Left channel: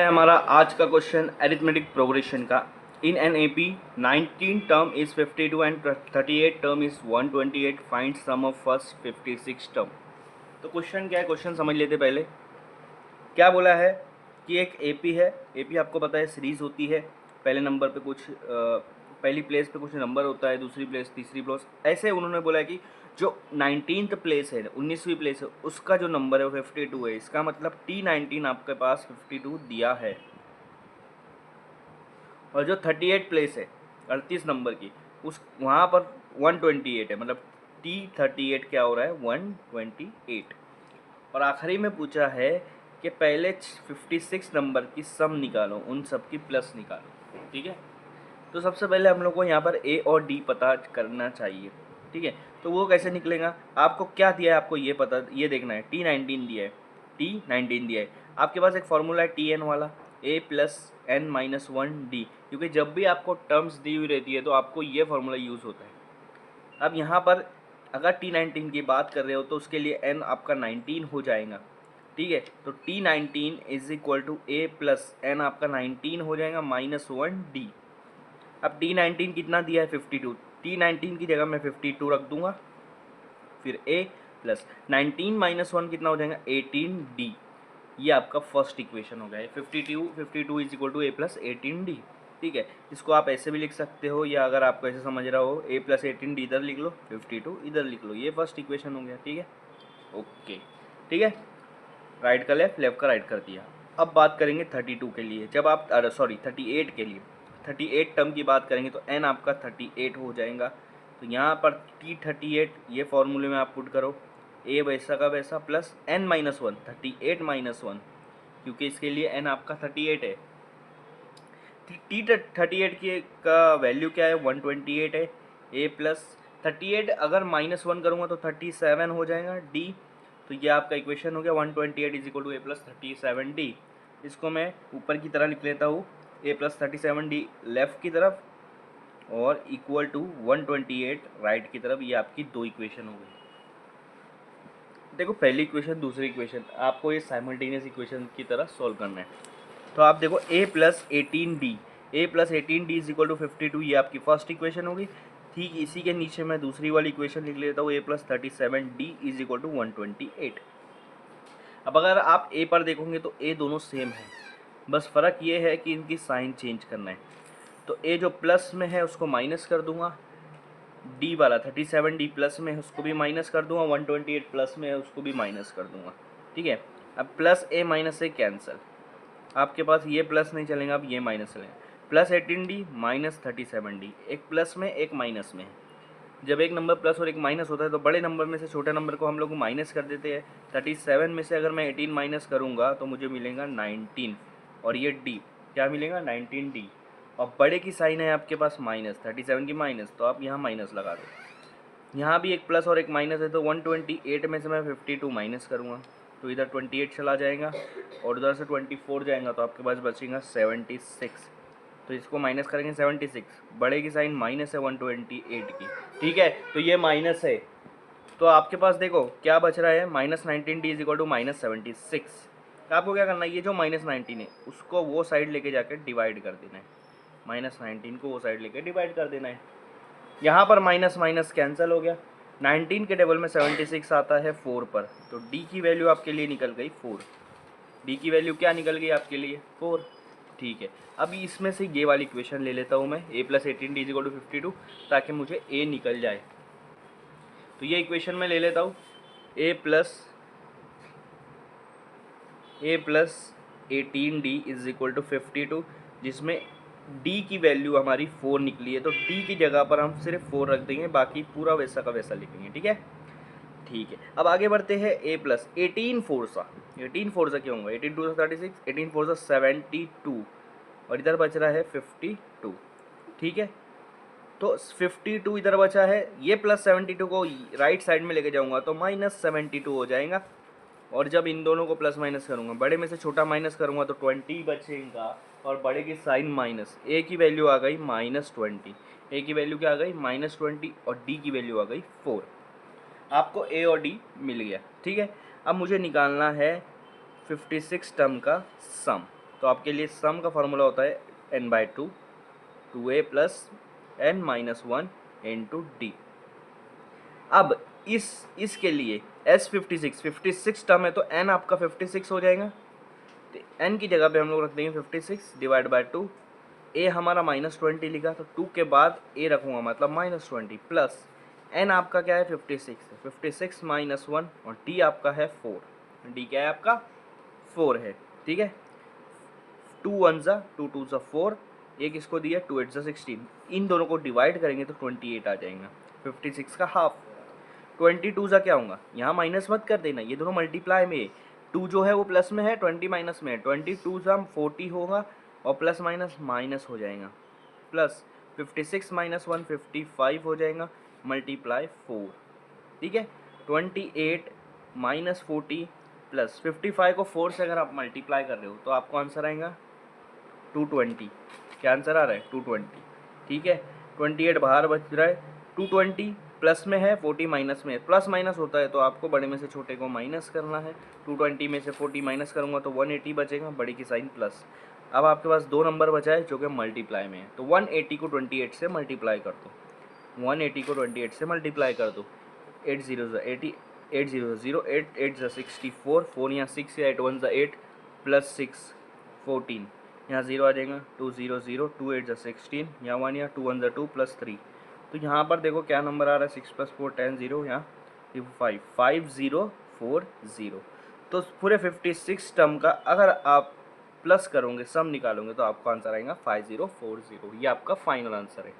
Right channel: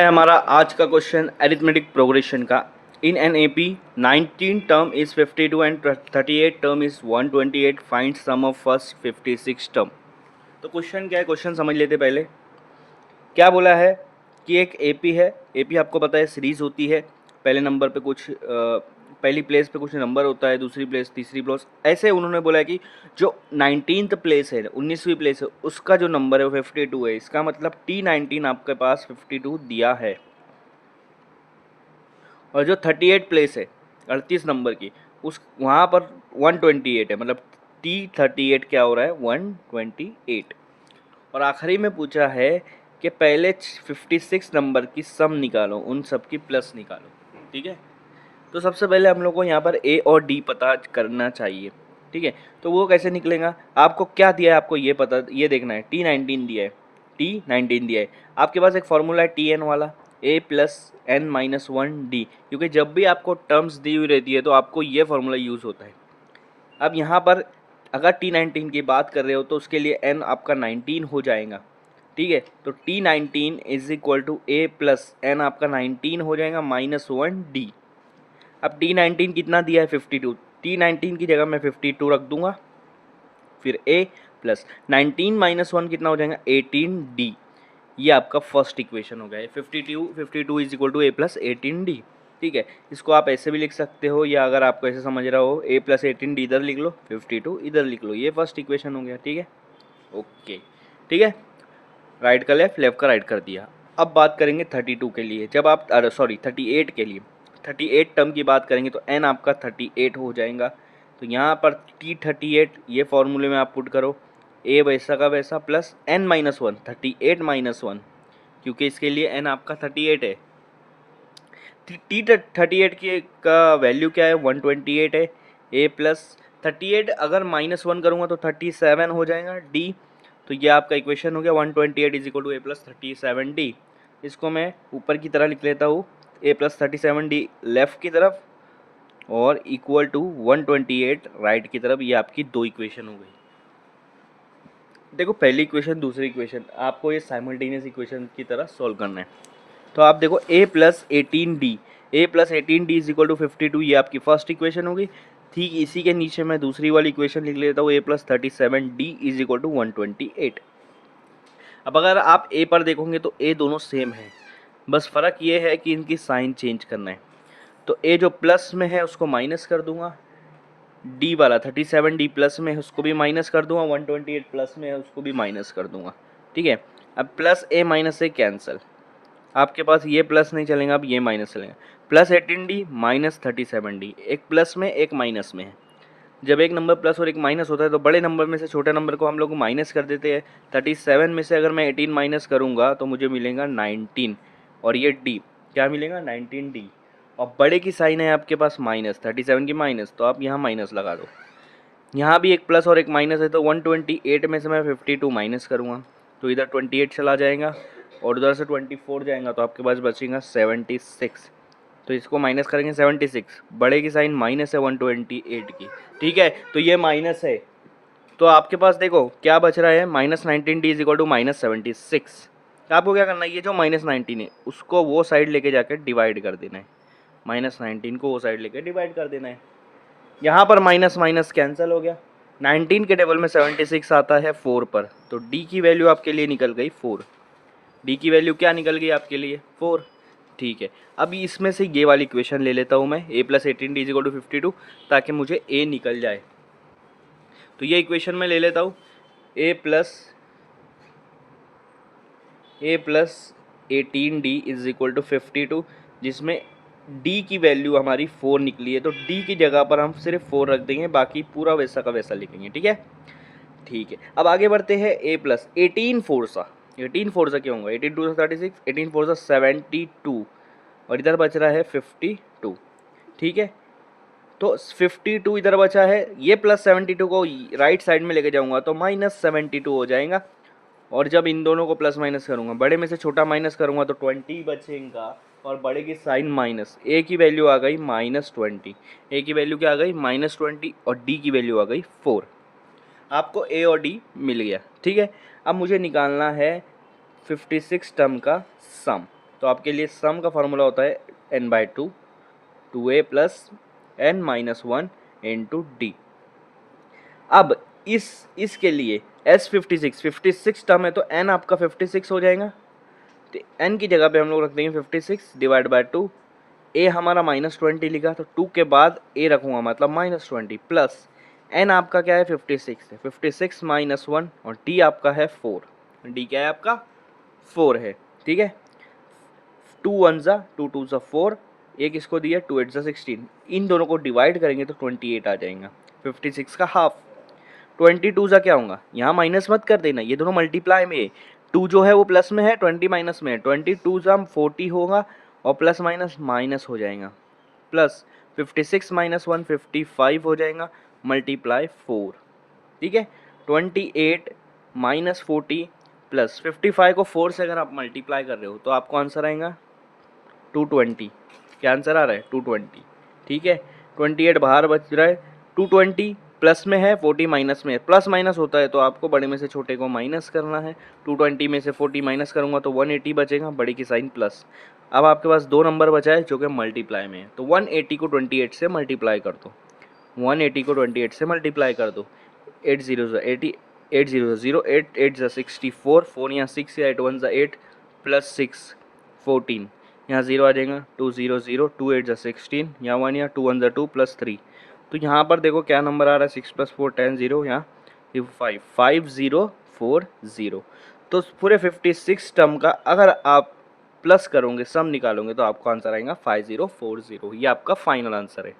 हमारा आज का क्वेश्चन अरिथमेटिक प्रोग्रेशन का। In an AP 19 term is 52 and 38 term is 128, find sum of first 56 term. तो question क्या है, क्वेश्चन समझ लेते पहले। क्या बोला है कि एक एपी है। एपी आपको पता है सीरीज होती है, पहले नंबर पे कुछ पहली प्लेस पे कुछ नंबर होता है, दूसरी प्लेस, तीसरी प्लेस, ऐसे उन्होंने बोला है कि जो 19th प्लेस है, 19वीं प्लेस है, उसका जो नंबर है वो 52 है। इसका मतलब T19 आपके पास 52 दिया है, और जो 38 प्लेस है 38 नंबर की, उस वहाँ पर 128 है। मतलब T38 क्या हो रहा है, 128। और आखिरी में पूछा है कि पहले 56 नंबर की सम निकालो, उन सब की प्लस निकालो। ठीक है, तो सबसे पहले हम लोग को यहाँ पर ए और डी पता करना चाहिए। ठीक है, तो वो कैसे निकलेगा, आपको क्या दिया है, आपको ये पता, ये देखना है। T19 दिया है, T19 दिया है, आपके पास एक फॉर्मूला है TN वाला, A+N-1D, क्योंकि जब भी आपको टर्म्स दी हुई रहती है तो आपको ये फॉर्मूला यूज़ होता है। अब यहाँ पर अगर T19 की बात कर रहे हो तो उसके लिए N आपका 19 हो जाएगा। ठीक है, तो T19 is equal to A+N आपका 19 हो जाएगा -1D। अब T19 कितना दिया है, 52। T19 की जगह मैं 52 रख दूंगा, फिर A प्लस 19 - 1 कितना हो जाएगा, 18D। ये आपका फर्स्ट इक्वेशन हो गया है। 52 इज इक्वल टू A+18D। ठीक है, इसको आप ऐसे भी लिख सकते हो, या अगर आपको ऐसे समझ रहा हो A+18D इधर लिख लो, 52 इधर लिख लो। ये फर्स्ट इक्वेशन हो गया। ठीक है, ओके। ठीक है, राइट का लेफ्ट, लेफ्ट का राइट कर दिया। अब बात करेंगे 32 के लिए, जब आप सॉरी 38 के लिए, 38 टर्म की बात करेंगे तो n आपका 38 हो जाएगा। तो यहाँ पर T38 ये फॉर्मूले में आप पुट करो, a वैसा का वैसा प्लस n-1, 38 - 1, क्योंकि इसके लिए n आपका 38 है। T38 की का वैल्यू क्या है, 128 है। A+38 अगर -1 करूँगा तो 37 हो जाएगा D। तो ये आपका इक्वेशन हो गया, 128 इज इक्वल टू A+37D। इसको मैं ऊपर की तरह लिख लेता हूँ, A+37D लेफ़्ट की तरफ और इक्वल टू 128 राइट की तरफ। ये आपकी दो इक्वेशन हो गई। देखो, पहली इक्वेशन, दूसरी इक्वेशन, आपको ये साइमल्टेनियस इक्वेशन की तरह सॉल्व करना है। तो आप देखो A+18D, A+18D is equal to 52, ये आपकी फर्स्ट इक्वेशन होगी। ठीक इसी के नीचे मैं दूसरी वाली इक्वेशन लिख लेता हूँ, A+37D इज इक्वल टू 128। अब अगर आप ए पर देखोगे तो ए दोनों सेम है, बस फ़र्क ये है कि इनकी साइन चेंज करना है। तो ए जो प्लस में है उसको माइनस कर दूंगा, डी वाला 37D प्लस में है उसको भी माइनस कर दूंगा, 128 प्लस में है उसको भी माइनस कर दूंगा। ठीक है, अब प्लस ए माइनस ए कैंसिल, आपके पास ये प्लस नहीं चलेगा, अब ये माइनस चलेगा। +18D -37D, एक प्लस में एक माइनस में है। जब एक नंबर प्लस और एक माइनस होता है तो बड़े नंबर में से छोटे नंबर को हम लोग माइनस कर देते हैं। 37 में से अगर मैं 18 माइनस करूँगा तो मुझे मिलेगा 19, और ये D क्या मिलेगा, 19D। और बड़े की साइन है आपके पास माइनस, 37 की माइनस, तो आप यहाँ माइनस लगा दो। यहाँ भी एक प्लस और एक माइनस है, तो 128 में से मैं 52 माइनस करूँगा तो इधर 28 चला जाएगा, और उधर से 24 जाएगा तो आपके पास बचेगा 76। तो इसको माइनस करेंगे 76, बड़े की साइन माइनस है 128 की। ठीक है, तो ये माइनस है, तो आपके पास देखो क्या बच रहा है, -19D इज इक्वल टू -76। आपको क्या करना है, ये जो -19 है उसको वो साइड लेके जाकर डिवाइड कर देना है, -19 को वो साइड लेके डिवाइड कर देना है। यहाँ पर माइनस माइनस कैंसिल हो गया, 19 के टेबल में 76 आता है 4 पर, तो D की वैल्यू आपके लिए निकल गई 4। D की वैल्यू क्या निकल गई आपके लिए, 4। ठीक है, अभी इसमें से ये वाली इक्वेशन ले लेता हूँ मैं, A+18D इज इक्वल टू 52, ताकि मुझे A निकल जाए। तो ये इक्वेशन में ले लेता हूँ, A+18D इज इक्वल टू 52, जिसमें D की वैल्यू हमारी 4 निकली है, तो D की जगह पर हम सिर्फ 4 रख देंगे, बाकी पूरा वैसा का वैसा लिखेंगे। ठीक है, ठीक है, अब आगे बढ़ते हैं। A+18 फोर्सा, 18 फोर्सा क्या होगा, 18 2 36, 18 फोर्सा 72, और इधर बच रहा है 52। ठीक है, तो 52 इधर बचा है, ये +72 को राइट साइड में लेके जाऊंगा तो -72 हो जाएगा, और जब इन दोनों को प्लस माइनस करूंगा, बड़े में से छोटा माइनस करूंगा तो 20 बचेगा, और बड़े की साइन माइनस, ए की वैल्यू आ गई -20, ए की वैल्यू क्या आ गई -20, और डी की वैल्यू आ गई 4। आपको ए और डी मिल गया। ठीक है, अब मुझे निकालना है 56 टर्म का सम। तो आपके लिए सम का फार्मूला होता है n/2 2a plus n minus 1 into D. अब इसके लिए S56 टर्म है तो n आपका 56 हो जाएगा, तो n की जगह पे हम लोग रख देंगे 56 डिवाइड बाय 2। a हमारा -20 लिखा तो 2 के बाद a रखूँगा मतलब -20 प्लस n आपका क्या है 56 है, 56 माइनस 1 और d आपका है 4, d क्या है आपका 4 है। ठीक है, 2 1 ज़ा 2 2 ज़ा 4, एक इसको दिया 2 8 ज़ा 16, इन दोनों को डिवाइड करेंगे तो 28 आ जाएगा, 56 का हाफ। 22 ज़ा क्या होगा, यहाँ माइनस मत कर देना, ये दोनों मल्टीप्लाई में है, 2 जो है वो प्लस में है 20 माइनस में है, 22 ज़ा 40 होगा और प्लस माइनस माइनस हो जाएगा, प्लस 56 माइनस 1 55 हो जाएगा मल्टीप्लाई 4। ठीक है, 28 माइनस 40 प्लस 55 को 4 से अगर आप मल्टीप्लाई कर रहे हो तो आपको आंसर आएगा 220। क्या आंसर आ रहा है 220। ठीक है, 28 बाहर बच रहा है, 220 प्लस में है 40 माइनस में है, प्लस माइनस होता है तो आपको बड़े में से छोटे को माइनस करना है। 220 में से 40 माइनस करूँगा तो 180 बचेगा, बड़ी की साइन प्लस। अब आपके पास 2 नंबर बचा है जो कि मल्टीप्लाई में है, तो 180 को 28 से मल्टीप्लाई कर दो, 180 को 28 से मल्टीप्लाई कर दो, 8 0 80, 8 0 0 8 8 64, 4 यहाँ 6 या 8 1 8 प्लस 6 14, यहाँ 0 आ जाएगा, 2 0 0 2 8 16, यहाँ 1 या 2 1 2 प्लस 3, तो यहाँ पर देखो क्या नंबर आ रहा है 6 + 4 10 0, यहाँ 5 5 0 4 0। तो पूरे 56 टर्म का अगर आप प्लस करोगे सम निकालोगे तो आपको आंसर आएगा 5040, ये आपका फाइनल आंसर है।